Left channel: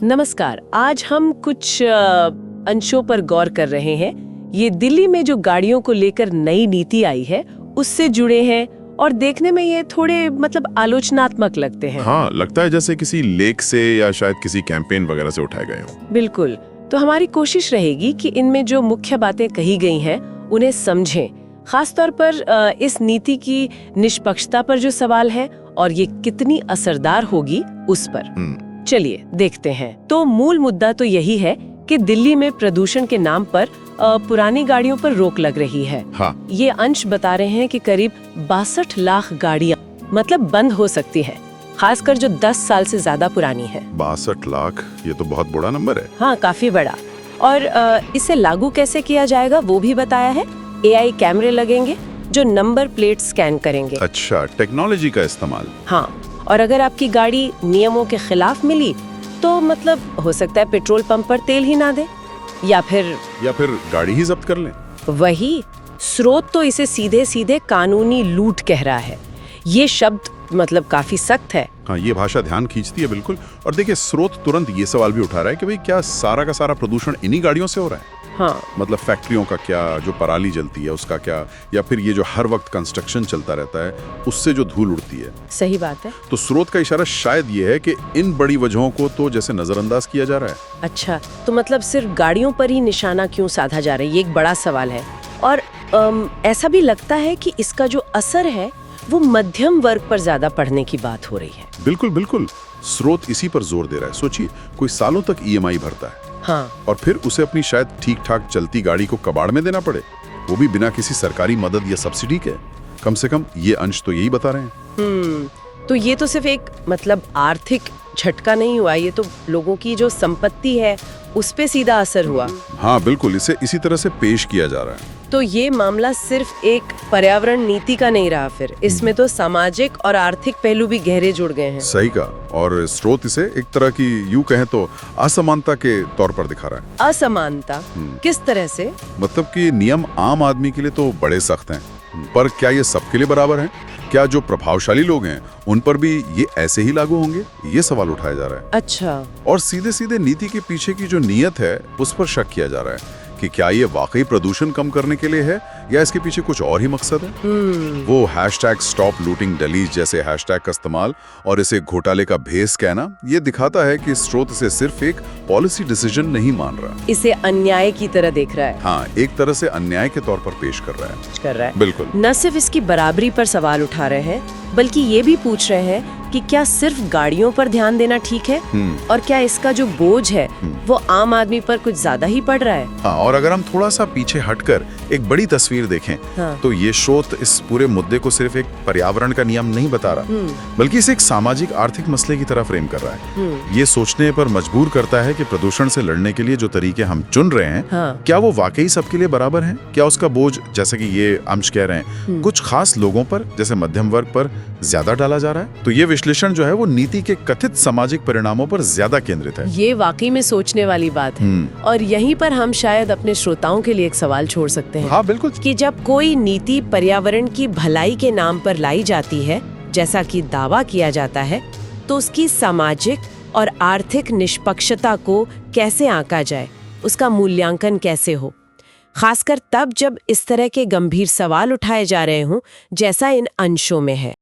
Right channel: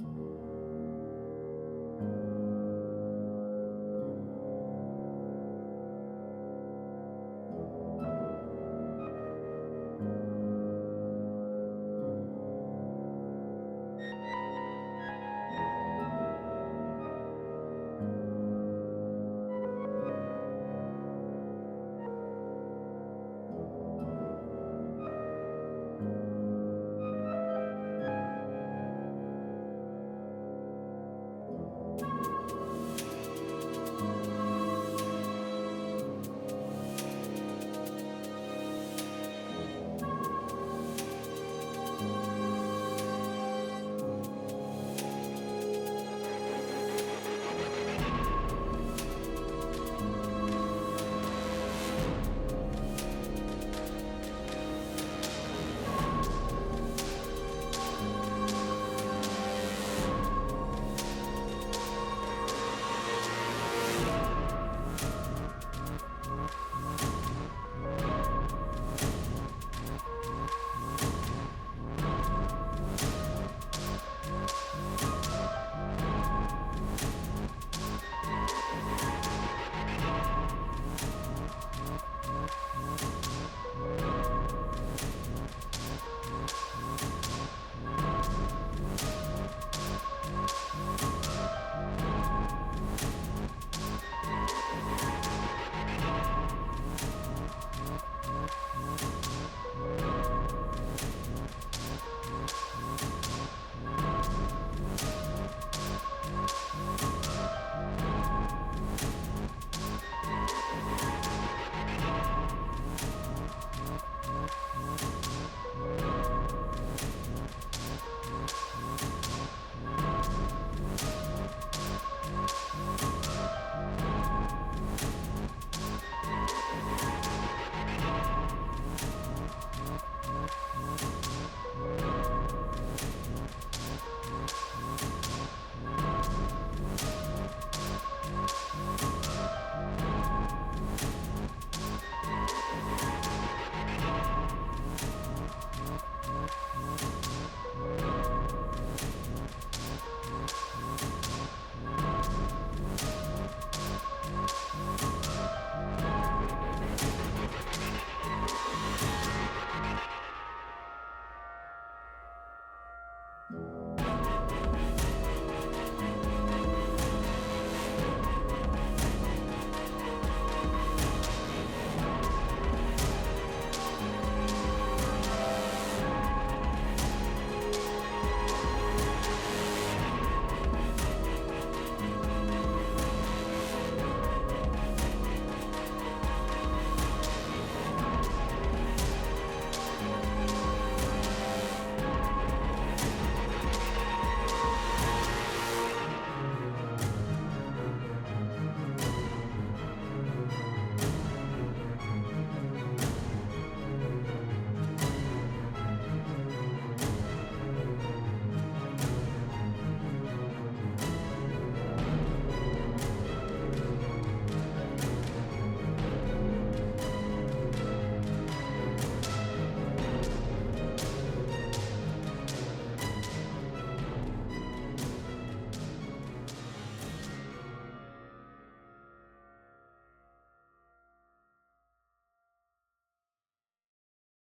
नमस्कार। आज हम कुछ अंशों पर गौर कर रहे हैं। ये दिल्ली में जो गाड़ियों को लेकर नई नीति आई है उससे जुड़े हैं और देखने में ये थोड़े आलोचनात्मक लगते हैं। हाँ, लगता है जैसे किसी लेख से या शायद किसी कैंपेन वगैरह से उठाए गए हों। बिल्कुल। तो हमारी कोशिश रहेगी कि इनमें जो मुख्य बातें कही गई हैं उन्हें समझें, खासतौर पर इस नीति की निष्पक्षता पर जो सवाल है और ये कितनी असरदार होगी उस पर। चलिए देखते हैं। तो मूल मुद्दा तो यही है कि दिल्ली में प्रदूषण के नाम पर पुरानी गाड़ियों पर रोक लग रही है। हाँ। ये अंश बता रहे हैं कि करीब 62 लाख गाड़ियां बंद हो सकती है, खासकर जो 10 साल से ज्यादा पुरानी है। 62 लाख, ये तो बहुत बड़ा नंबर है। हाँ, काफी बड़ा। और इसे लागू कैसे किया जाएगा वो भी बताया है। AI कैमरे लगेंगे जो नंबर प्लेट स्कैन करेंगे। अच्छा, टेक्नोलॉजी का इस्तेमाल। हाँ, और अगर आपकी गाड़ी नियमों के खिलाफ मिली तो हो सकता है पेट्रोल पंप पर तेल ही ना दे या फिर गाड़ी ही जब्त कर लें। वही स्रोत तो इसे सीधे सीधे कानूनी लूट कह रहा है। ये शब्द काफी सख्त है। हाँ, ये भाषा ध्यान खींचती है बिल्कुल। और देखिए, स्रोत तुरंत ये सवाल भी उठा रहा है कि भाई क्या सारा का सारा प्रदूषण इन्हीं गाड़ियों से हो रहा है? हाँ। फैक्ट्रियों का क्या, जो पराली जलती है उसका क्या, या फिर ये जो हर वक्त कंस्ट्रक्शन चलता रहता है उससे जो धूल उड़ती है। सही बात है। तो स्रोत का इशारा शायद ये है कि इन बड़ी वजहों को तो जैसे नजरअंदाज किया जा रहा है। अच्छा, तो सिर्फ गाड़ियों पर ही निशाना क्यों साधा जा रहा है, ये एक बड़ा सवाल है। और ऐसा भी लगता है कि इसका जो असर है वो मध्यम वर्ग पर ज्यादा पड़ने की बात हो रही है। बिल्कुल बिल्कुल, स्रोत इसी पर जोर दे रहा है। सोचिए, कोई सालों तक EMI भरता है। हाँ। और फिर उसे अपनी शायद ठीक ठाक चलती गाड़ी को कबाड़ में देना पड़े, वो भी बिना किसी सरकारी मदद या सब्सिडी के। कम से कम ये अंश तो यही बता रहे हैं। तो ये तो सिर्फ एक आर्थिक झटका नहीं हुआ, ये तो लोगों की जो संपत्ति है उस पे सीधा असर हुआ। हाँ बिल्कुल, इसे इसी तरह से पेश किया जा रहा है। तो ये मामला सिर्फ एक पर्यावरण नीति का नहीं रहा, फिर इसमें तो सामाजिक और आर्थिक पहलू भी गहरे जुड़ गए हैं। सही कहा। और स्रोत इसे एक तरह की, यूं कहें तो, असमानता के तौर पर दिखा रहा है। असमानता किस तरह से? कि नियम आम आदमी के लिए तो बड़े सख्त हैं, पर क्या ये सबके लिए बराबर हैं? क्या जो प्रभावशाली लोग हैं उन पर भी ये ऐसे ही लागू होंगे? ये सवाल उठाया जा रहा है। अच्छा। और सीधे सीधे नीति के पीछे की जो नीयत है उस पर शक किया जा रहा है कि क्या ये वाकई प्रदूषण कम करने के लिए है या इसके पीछे कुछ और ही मकसद है। वो #StopLootingDelhi जैसे हैशटैग का इस्तेमाल और इसे घोटाले का भेस कहना, ये दिखाता है कि स्रोत इसे सिर्फ एक पॉलिसी डिसीजन नहीं मान रहा, इसे अन्याय की तरह देख रहा है। हाँ, एक तरह से अन्याय के तौर पर पेश कर रहा है। बिल्कुल। न सिर्फ इसकी बराबरी पर सवाल उठा रहे हैं बल्कि ये भी पूछ रहे हैं कि क्या सिर्फ गाड़ियों पर ध्यान देना ठीक है और क्या इसका जो बोझ है वो आम आदमी पर कुछ ज्यादा ही पड़ रहा है। हाँ, और अगर हम थोड़ा सा पीछे हटकर एक बड़ी तस्वीर देखें, तो ये स्रोत इस पूरे मुद्दे को सिर्फ एक पर्यावरण का नियम नहीं बता रहा, बल्कि इसे एक सामाजिक आर्थिक मसले की तरफ फ्रेम कर रहा है। ये सोचने पर मजबूर करता है कि प्रदूषण से लड़ने के लिए जो तरीके हम चुन रहे हैं, क्या वो वाकई सबके लिए बराबर हैं? क्या उसका बोझ, जैसे कि ये अंश कह रहे हैं, कुछ खास लोगों पर, जैसे मध्यम वर्ग पर ज्यादा डाला जा रहा है? तो ये विश्लेषण जो है वो नीति के कथित सामाजिक परिणामों पर ज्यादा केंद्रित है। ये वाकई में सोचने वाली बात है। और यहीं पर हम शायद अपने श्रोताओं के लिए एक सवाल छोड़ सकते हैं। हाँ बिल्कुल। कि जब कोई नीति पर्यावरण की भलाई के नाम पर लाई जाती है, जैसा कि दावा किया जाता है, तो उसकी सामाजिक और आर्थिक निष्पक्षता को कैसे आंका जाए, उसका मूल्यांकन कैसे हो, खासकर तब जब इस तरह के गंभीर सवाल उठाए जा रहे हों, जैसा इन अंशों में है।